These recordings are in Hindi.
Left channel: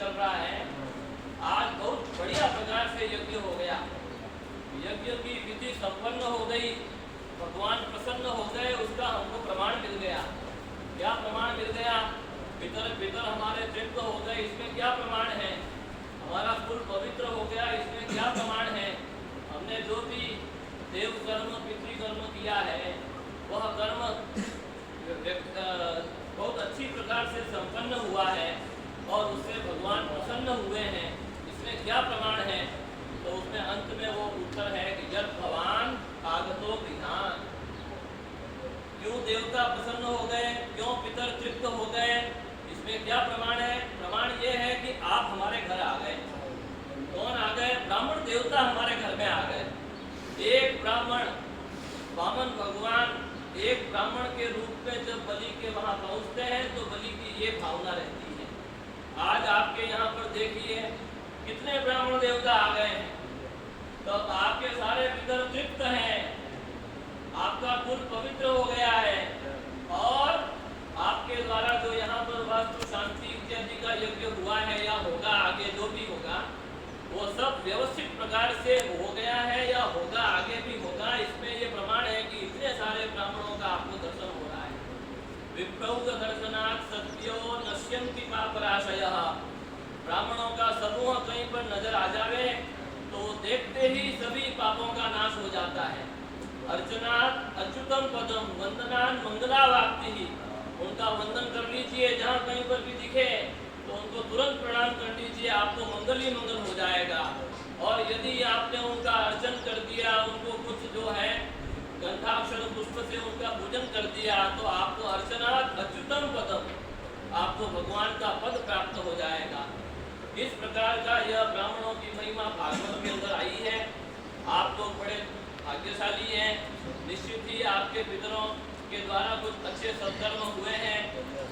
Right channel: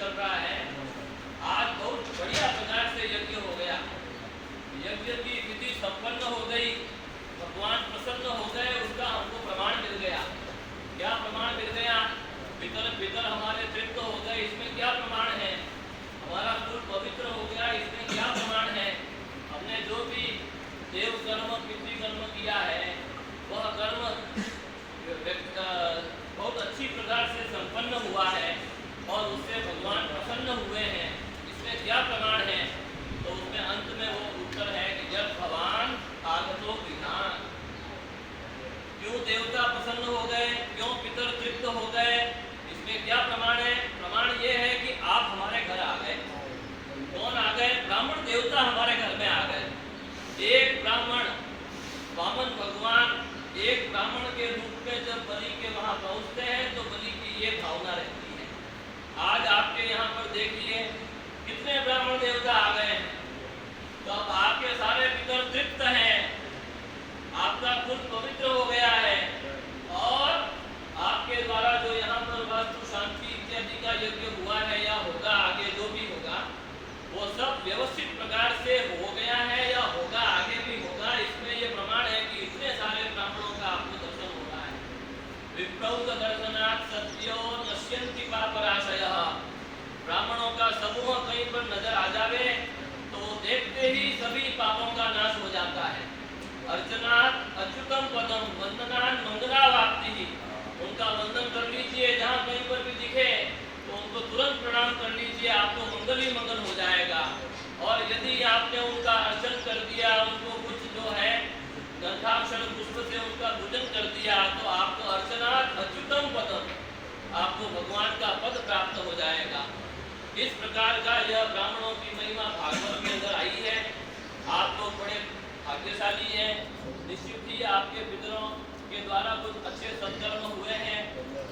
चल रहा है। आज बहुत बढ़िया प्रकार से यज्ञ हो गया, यज्ञ की विधि संपन्न हो गई, भगवान प्रसन्न हो गए, उसका हमको प्रमाण मिल गया। क्या प्रमाण मिल गया? पितर पितर हमारे तृप्त हो गए, इसमें क्या प्रमाण है? हमारा कुल पवित्र हो गया, इसमें क्या प्रमाण है? हमने जो भी देव कर्म पितृ कर्म किया है वह कर्म बहुत अच्छी प्रकार से संपन्न हुआ है और उससे भगवान प्रसन्न हुए हैं। इसमें क्या प्रमाण है? तो उसमें अंत में वो उत्तर है कि जब भगवान आगतो गृहान, क्यों देवता प्रसन्न हो गए, क्यों पितर तृप्त हो गए, इसमें क्या प्रमाण है? प्रमाण ये है कि आप हमारे घर आ गए। कौन आ गए? ब्राह्मण देवता हमारे घर में आ गए। एक ब्राह्मण, वामन भगवान एक ब्राह्मण के रूप में जब बलि के वहां पहुंचते हैं तो बलि की ये भावना रहती है। आज आपके यहाँ पर देखिए कितने ब्राह्मण देवता आ गए हैं, तो अब आपके सारे पितर तृप्त हैं, आपका कुल पवित्र हो गया है और आपके द्वारा जो यहाँ पर वास्तु शांति इत्यादि का यज्ञ हुआ है या होगा, आगे जो भी होगा वो सब व्यवस्थित प्रकार से हो गया है या होगा, आगे भी होगा। इसमें ये प्रमाण है कि इतने सारे ब्राह्मणों का आपको दर्शन हो रहा है। विप्रौघ दर्शनात् सत्यो नश्यन्ति पापराशयः, ब्राह्मणों का समूह कहीं पर नजर आ जावे तो देखते ही सभी पापों का नाश हो जाता है। अर्चनात् अच्युतम पदम वंदनान् मंगलावाप्तिः, उनका वंदन कर लीजिए, जहाँ कहीं पर भी दिखे तो उनको तुरंत प्रणाम कर लीजिए, आपको मंगल ही मंगल हो जाएगा। और यदि आपने उनका अर्चन कर दिया, उनको कुछ जो है गंधाक्षर पुष्प से उनका पूजन कर दिया तो आपको अर्चनात् अच्युतम पदम, आपको भगवान का पद प्राप्त हो जाएगा। इस प्रकार का यह ब्राह्मणों की महिमा भागवत के अंदर आई है। आप लोग बड़े भाग्यशाली हैं, निश्चित ही आपके पितरों के द्वारा कुछ अच्छे सत्कर्म हुए हैं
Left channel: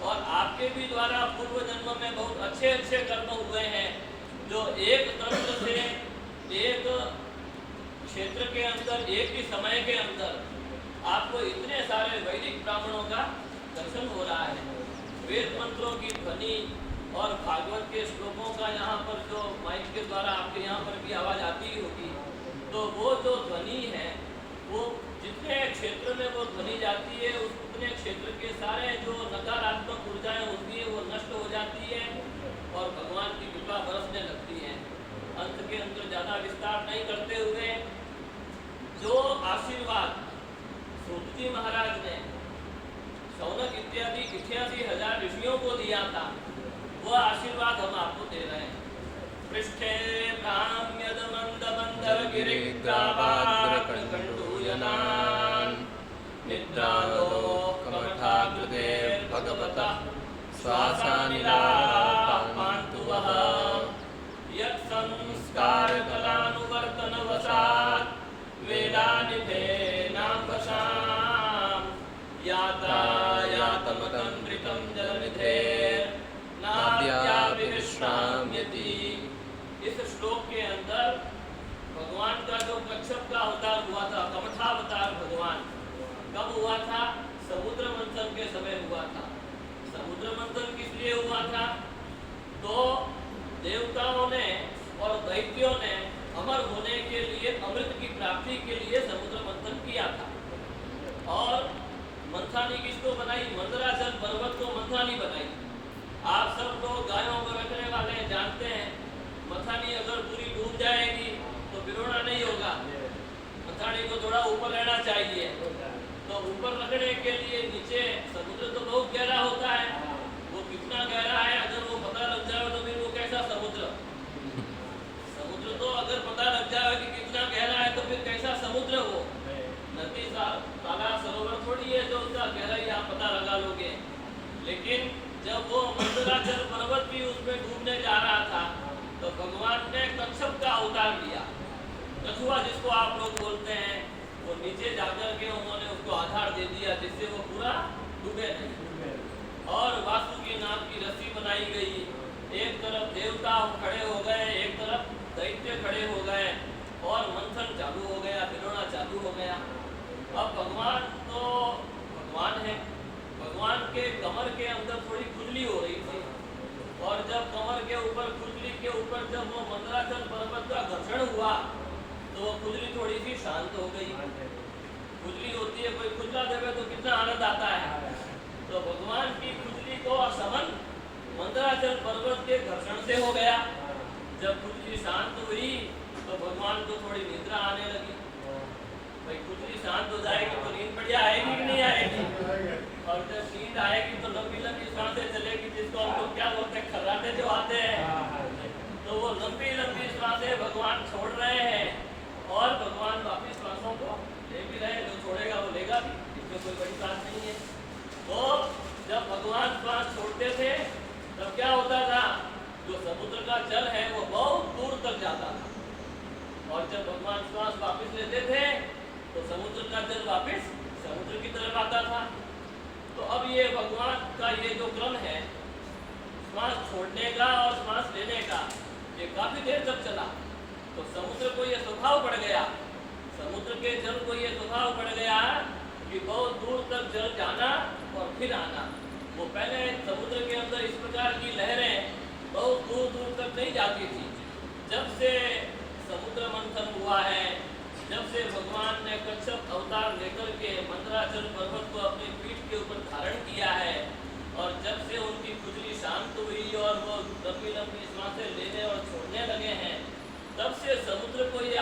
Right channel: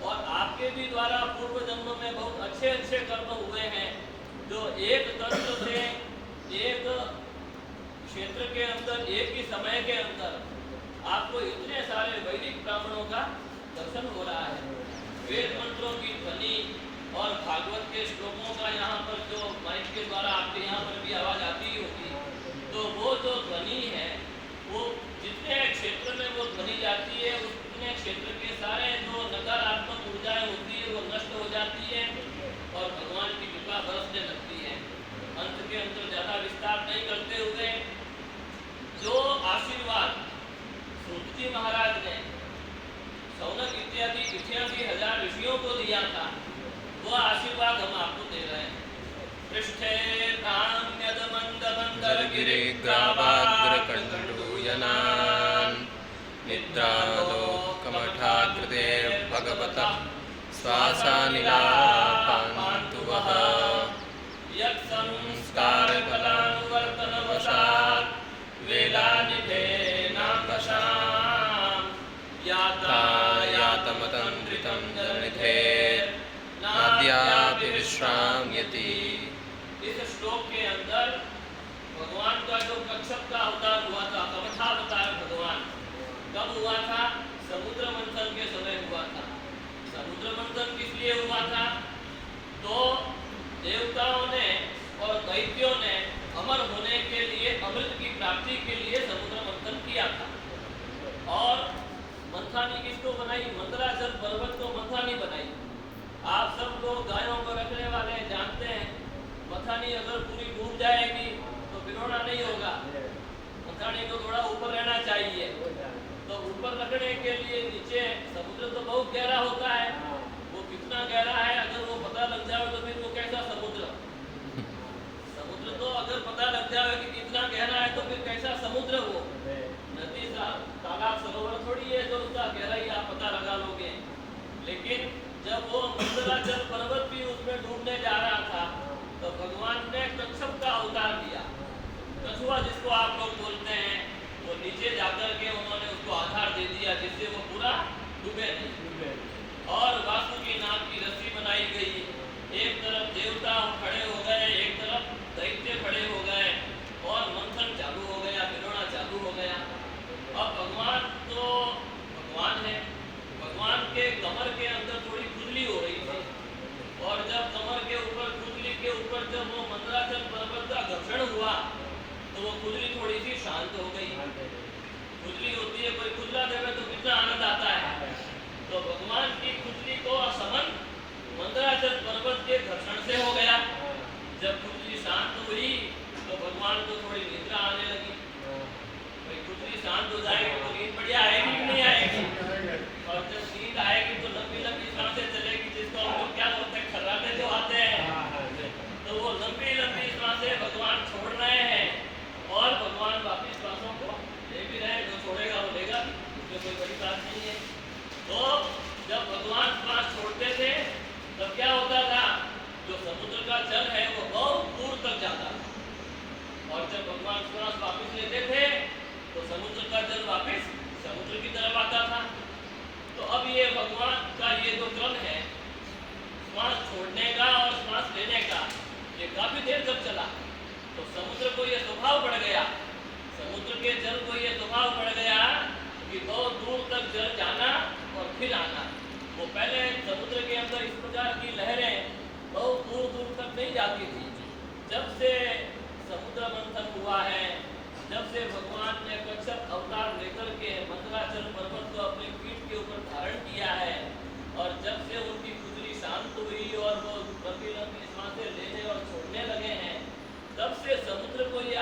और आपके भी द्वारा पूर्व जन्म में बहुत अच्छे अच्छे कर्म हुए हैं, जो एक तंत्र से एक क्षेत्र के अंदर एक ही समय के अंदर आपको इतने सारे वैदिक ब्राह्मणों का दर्शन हो रहा है। वेद मंत्रों की ध्वनि और भागवत के श्लोकों का यहाँ पर जो माइक के द्वारा आपके यहाँ पर भी आवाज आती होगी, तो वो जो ध्वनि है वो जितने क्षेत्र में वो ध्वनि जाती है उतने क्षेत्र के सारे जो नकारात्मक ऊर्जाएं होती है वो नष्ट हो जाती है और भगवान की कृपा बरसने लगती है। अंत के अंदर ज्यादा विस्तार नहीं करते हुए जो आशीर्वाद सूतजी महाराज ने सौनक इत्यादि 88,000 ऋषियों को दिया था, वो आशीर्वाद हम आपको दे रहे हैं। पृष्ठे गिरिग्रावाग्रकण्डूयनान् निद्रालोकमठाकृते भगवतः श्वासानिलापान्तु वः यत्संस्कारकलानुवर्तनवशात् वेलानिधेनाम्बशां यातमतन्द्रितं जनिधेर्नाद्यापि विश्राम्यति। इस श्लोक के अंदर भगवान का जो कच्छप का अवतार हुआ था, कमठावतार भगवान कब हुआ था? समुद्र मंथन के समय हुआ था। समुद्र मंथन किस लिए हुआ था? तो देवताओं ने और दैत्यों ने अमर होने के लिए, अमृत की प्राप्ति के लिए समुद्र मंथन किया था। और मंथानी किसको बनाई? मंदराचल पर्वत को मंथानी बनाई। आप सब लोग गायों को रखने वाले जानते हैं, मथानी अगर पूरी डूब जाएगी तो भिगोना नहीं होगा, मथानी को थोड़ा ऊपर रहना चाहिए। तो ऊपर रखने के लिए नीचे समुद्र तो बहुत गहरा होता है, वो कितना गहरा है अगर वो पता लग जाए तो फिर वो कैसा समुद्र? समुद्र तो अगर पता लग जाए कि कितना गहरा है तो फिर कैसा समुद्र? वो नदी तालाब सरोवर थोड़ी है जो उसका गहराई आप पता लगा लोगे। लेकिन जब वो मंदराचल पर्वत भी उसमें डूबने जा रहा था तो भगवान ने कच्छप का अवतार लिया। कछुआ जिसको आप लोग बोलते हैं, वो नीचे जाकर के उन्होंने उसको आधार दे दिया जिससे वो पूरा डूबे नहीं। और वासुकी नाम की रस्सी बनाई गई, एक तरफ देवता खड़े हो गए, एक तरफ दैत्य खड़े हो गए और मंथन चालू हो गया, भिगोना चालू हो गया। अब भगवान तो भगवान है, भगवान के कमर के अंदर थोड़ी खुजली हो रही थी और जब कमर के ऊपर खुला देवे तो कितना आनंद आता है। तो भगवान की खुजली को समन मंदराचल पर्वत के घर्षण से हो गया। जब खुजली शांत हुई तो भगवान को थोड़ी निद्रा आने लगी। भाई खुजली शांत हो जाएगी तो नींद बढ़िया आएगी कि नहीं आएगी? और जब नींद आएगी तो लंबी लंबी सांसें चलेगी, जिसको हम लोग क्या बोलते हैं, खर्राटे जो आते हैं। तो वो लंबी लंबी सांसें भगवान छोड़ रहे हैं और भगवान वापिस सांसों को ले भी रहे। जो छोड़ेगा वो लेगा भी, इसमें कोई बड़ी बात नहीं है। तो जब भगवान श्वास छोड़ते थे तब क्या होता था, जो समुद्र का जल है वो बहुत दूर तक जाता था। और जब भगवान श्वास वापिस लेते थे तो समुद्र का जल वापिस समुद्र की तरफ आता था। तो अब ये भगवान का ये जो क्रम है, श्वास छोड़ने का और श्वास लेने का, ये काफी देर तक चला। तो समुद्र को ये स्वभाव पड़ गया, समुद्र के जल को ये स्वभाव पड़ गया कि बहुत दूर तक जल जाना और फिर आना। वो पहले समुद्र के अंदर इस प्रकार की लहरें बहुत दूर दूर तक नहीं जाती थी। जब से समुद्र मंथन हुआ है, जब से भगवान ने कच्छप अवतार लेकर के मंदराचल पर्वत को अपनी पीठ के ऊपर धारण किया है, और जब से उनकी खुजली शांत हुई और वो लंबी लंबी सांसें लेने और छोड़ने लगे हैं, तब से समुद्र को ये